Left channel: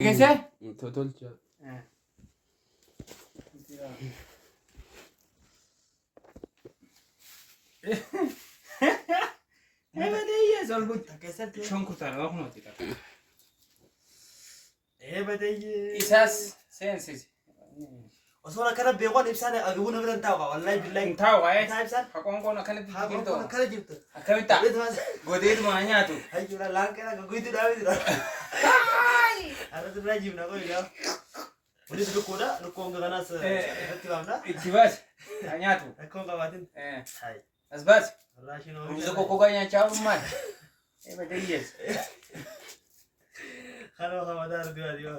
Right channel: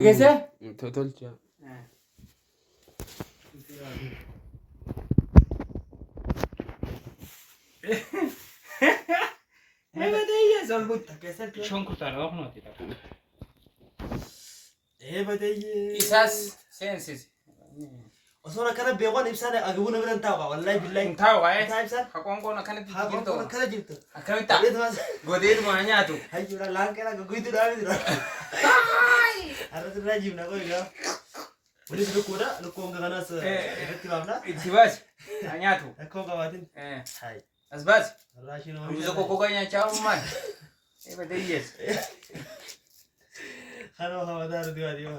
Kese? Tolcha. Evet iyi solbut. Keser ki. Şon kurtar o mu tita. Evet iyi. İsas sensiz. O sonra kana beğen hepsine agıbını bilen tava. Vallahi billahi. Tahu ay. Tahu hepsine. Hakon kon akan Ha digirto. ona kana jirtu. Akan ta. Evet mas. Godit mo anya tu. Hay jura lang kena guguitu dah itu. Ada tu rajim nak kau ya. Boleh duduk kuda, nuk kau ngana se. Efektif apa? İtibas. Anya tu. Aku kawatin. Hay. Asbas. Rashi no. Muzo koko ganya çavu man. Evet iyi. Kalau kawadar dia dia.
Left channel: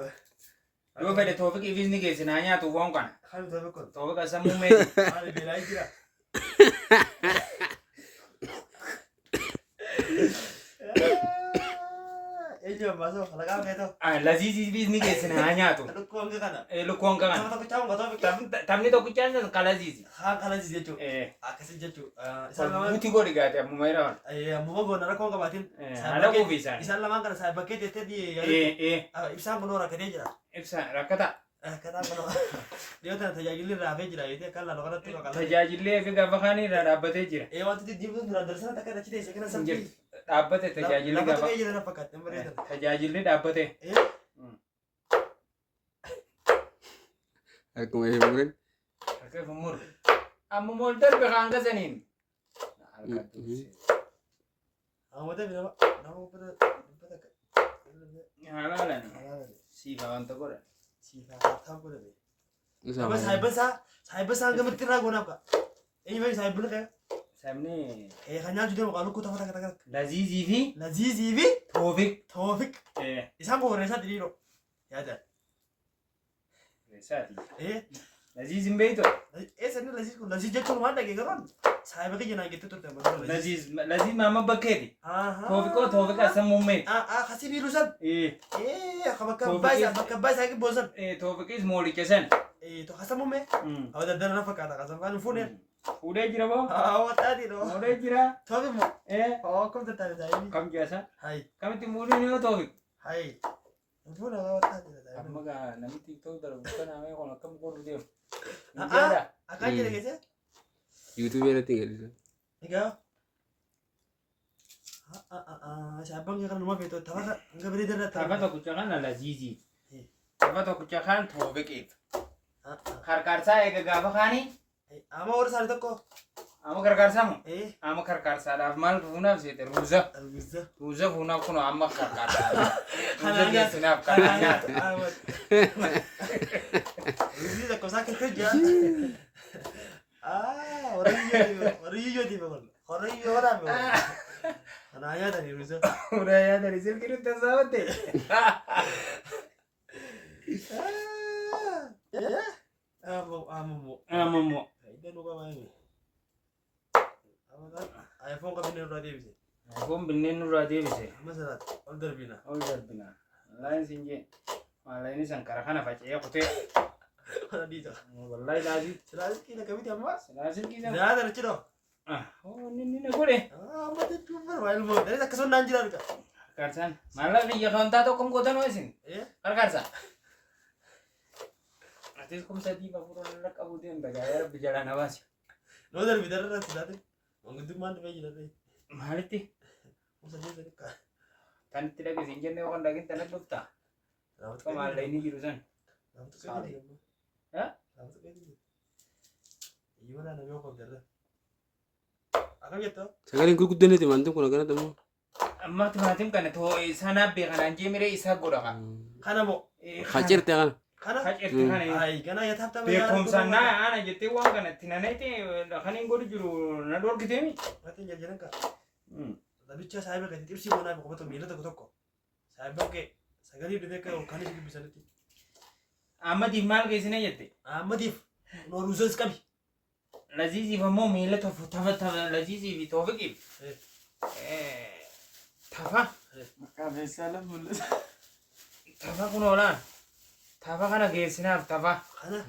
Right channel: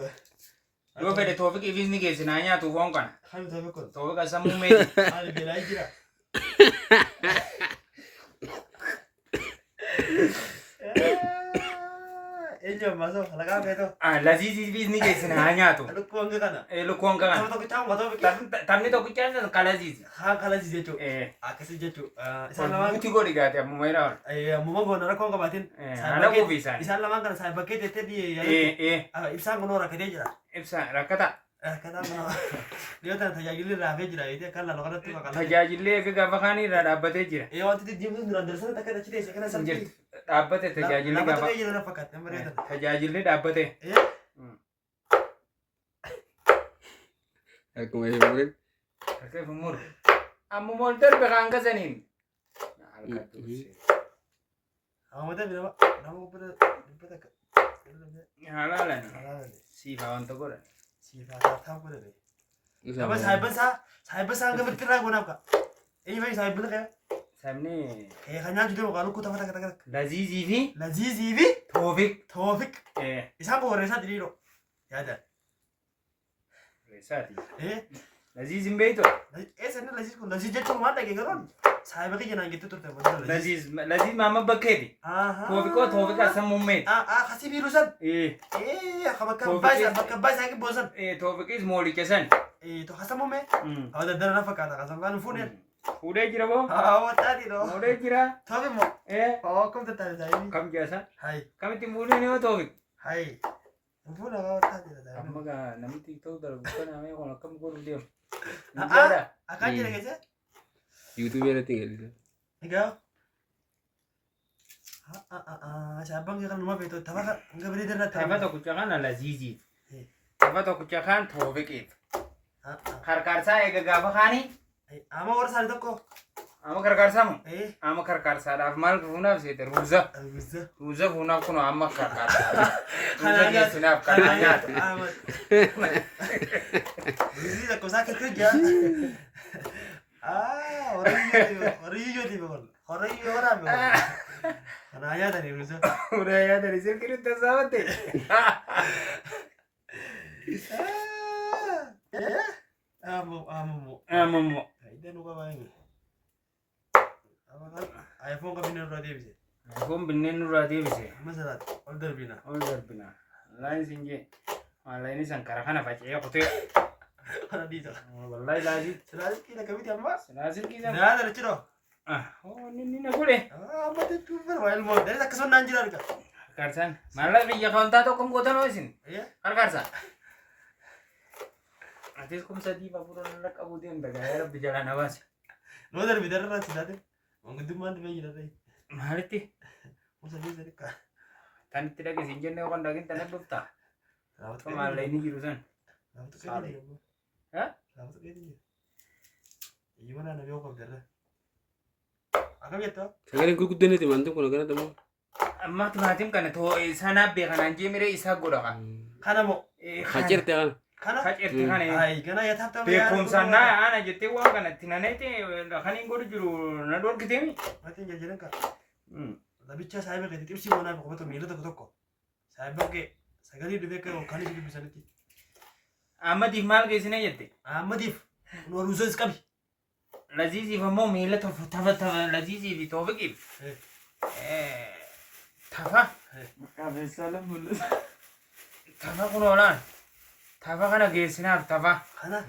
Yo fede tofik ivizni gesin anya tu won kan. Kalau tu aku. Tofik asamu me. Mari belai kira. Ello masuk, kalau kau betul. Ah laziz ivizni gesin anya tu. Aduh kau ngana. Lo kon kan. Tahu tak tahu, tahu tak. Tamni to kuchan kalaziz. Ha kalau sih jecu. Eh. Akasih jecu. Sal Isalaman. buti gori gate mu mayra. Muma gona na kau kawatin. Ana ko visa. Isal laman kan saya pakai tete di. Ibsan kono rakade jira. Ibsa rakata. Kata kono. Dia tan tajajili rafe jira itu kan lalu kan tu kan. Tajajille ke gabakani ra dabbate jira. Waktu itu dia pun durang darsan tak ada cerita sekarang Injil. sampai. Dabbate tajajille Lapan gabak. tu jira na pakat. Yang berita. Tajajille dabbate. Aku mau hiburin. Oke pemur. Amu molter be kanga zanin. Kamu tahu berapa? Nama pada pada. Halala ni. Si bawan to gora. Siapa tahu pada ni. Apa saya besar nggak berkira guna apa? Ini macam saya benar ya. Samni Hanya juga kalau aku tahu kata lazizi vi Laziz Ivi, Tofik. Taufik. Isam kau resa tadi lo. Ya ada. Resati. Laziz Sana imbeito. Laziz kau Laziz jadi cuma ada kan? Saya pakai jenang gitu tuh teman. Laziz mama bakedi. Tofik ko Tofik asam mummet. Kasih virusan. Kamu kabas lagi bosan. Tofik is moli kesan. Itu kasih mume. Ada dana apa kata kasih kan phone. Udah kira bo? Awak tadi lo. Udah kira. Tapi mau. Oh, kamu tadi saya. Kam jasa. Hai. Kami timbulnya ni Tofik. Hai. Phone awak tadi. Kamu ga nami TikTok dalam bukan namanya kalau kamu kurang dia. Akan jadi kece? YouTube ada tinggal di sana. Enggak. Siapa yang kan rumah itu? Tahu kan? Enggak beri darah. Apa tu kucakan lah Lazizi. Apa tu kucakan Tofik it. Karkarsa ega gabakani. Ama orang sana toko. Ama karkarsa mo. Ama karkarsa dah mal guna sih teruza. Bisa. Ruza guna kuno ama karkarsa. Hananya sunap kananya. Ini dah kau sakit kerja. Orang iyo di bawah. Orang iyo orang bawah. Hananya tadi Ruza. Udah ya dari sini kita tersawat deh. Amo. Ini lupa apa ini? Apa kan? iPhone kami ni udah bisa. Aku benin udah dia bisa. Masalah, order bina. Order bina. Lain sinje. Lain ini sangkara kan apa ya? Kote. Mana di sana? Wallahi lazim. Selasi kita kami tiap mas. Lazim kita. Dah ada ciro. Ini nak boleh. Mati tu berwal mau. Dari tak kesan nanjir ada. Karsan. Malah dia kontak tu kamu kota nuasin. Iya. Karsa. Atis kamu sadi bapuran nak abu dia enggak berjalan awas. No dari bidara rat sudah. Mengikuti mana bagi dari. Maliti. Musa dia dari kah? Tani tidak ke sinjen dia orang daging tanah bukta. Rawat Kamu malah ini jurusan. Rawat kayak dia. Hah? Rawat kayak dia. Gimana nabi aku bidara? Aku gitu. Sekarang ikut kuda ni teman tu kalau kena temu. Amma timatim kana to sana be kana je mere isa goda ka. Kana mau. Hajar teh. Kana? Hajar teh kana. Ai kana ya tap tap Be kom sana ana jete wa kana tinane te kana ngodu juru na dor kitemi. Mati jalan ka. Tapi cah saya begitu tips sih mana aku betul milu tak toko. Saya begitu sekali dia ke kana sih bisa nanti. Amma di mal ke sine jete. Madif. No ruzon sekali. Lazizi famo mele to tafa lazizi bi to fikib. Tafa. Maka salam mulus. Tafa kuno lan. Tafa kana ge sinab tafa. Kana?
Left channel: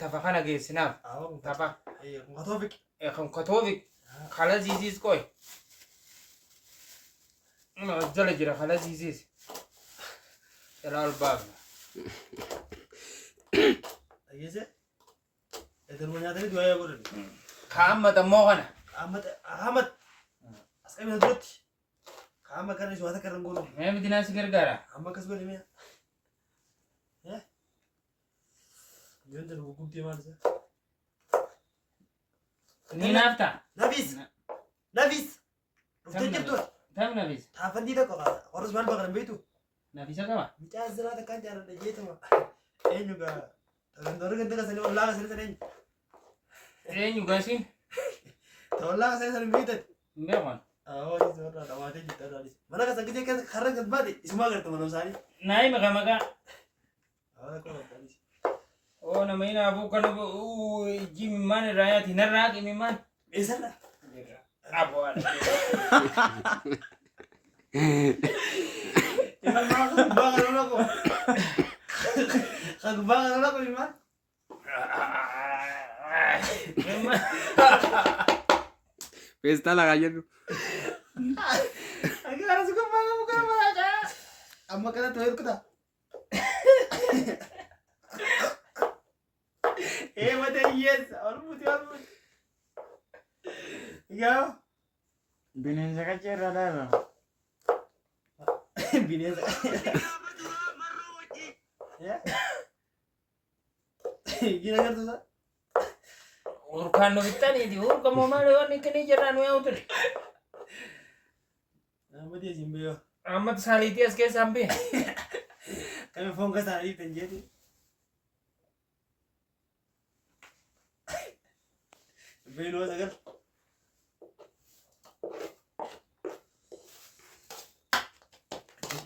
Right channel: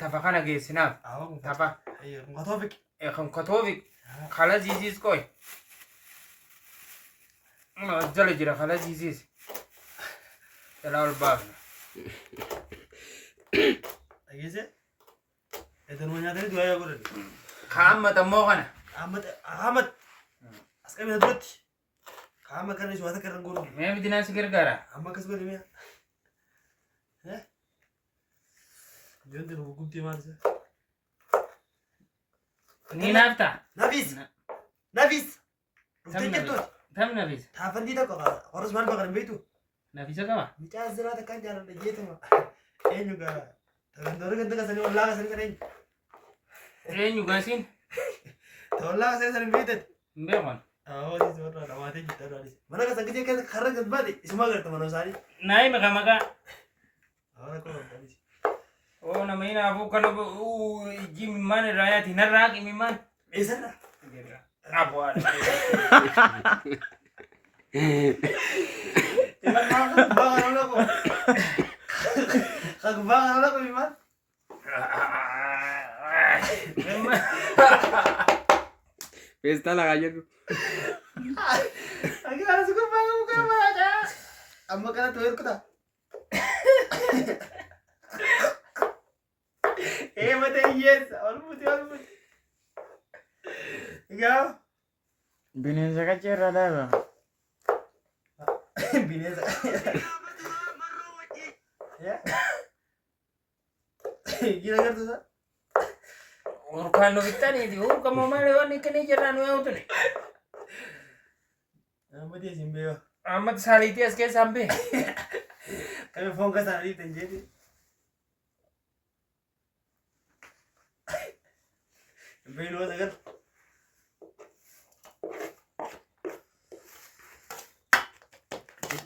Tafa kana ge sinab. Awak Tafa. Iya, ngatofik. Kam katovik. Khala zizis koy. Jale jira khala zizis. Tala al bab. Agese? Itu namanya tadi dua ya gue tadi. Kamat ammoo kana. Ahmad. Askami hadrot. Kama karena suatu karena gue. Mee miti nasi gargara. Amma kas gue nih. Jangan hukum dia mana sih? Ni nafta. Nafis. Ruften jatuh. Tam nafis. Tahan tidak kok. Harus mana bakal begitu. Nafisa kama? Bicara zera tekan jalan aja itu mah. Juga. Tangan kan tekan sini olah sini sini. Juga sin. Olah sini sini begitu. Mbekon. Oh, ini suara ada kita tadi. Mana kan sakitnya kan karena kan badi. Semua kan teman sari. Nai maka. Ahora kau tadi. Oh nama ini aku kan Jimmy man raya tinarrak ini man. Bisa lah. Apa ada? Iman mau bangun aku. Kagak bangun aku Iman. Pesta lah aja tuh. Agak harus gue bangun bukan aja. Amma kena tuh kita. Mata yes, almut. Ikaw? Binasa ka chera daga. Binasa. Ya? Gila tuh sa? Urkan kita nih, kamu mana wani kini jalan mau tuh nih. Amma dia simbe. Amat salitias ke sampai. Kami phone ka sa ali tenjedi. Belo agar.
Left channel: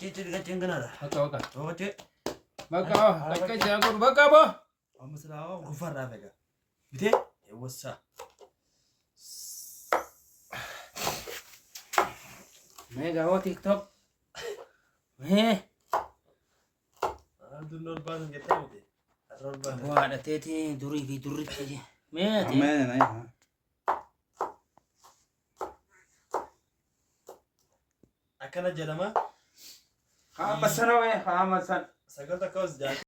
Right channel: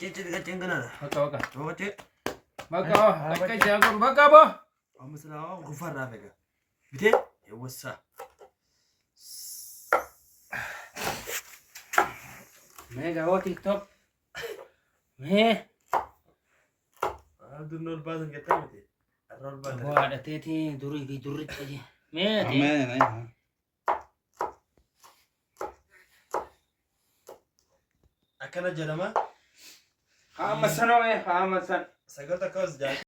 Cici kacang kena dah. Baka. Oh cik. Baka jago baka bo. Amma salah gufar dah mereka. Betul? Ya wasa. Mega ho TikTok. Me. Aduh nol badan kita betul. Nol badan. Bo ada tete duri aja. Me. Akan aja nama. Kamasan. Sagar tak kau sejak.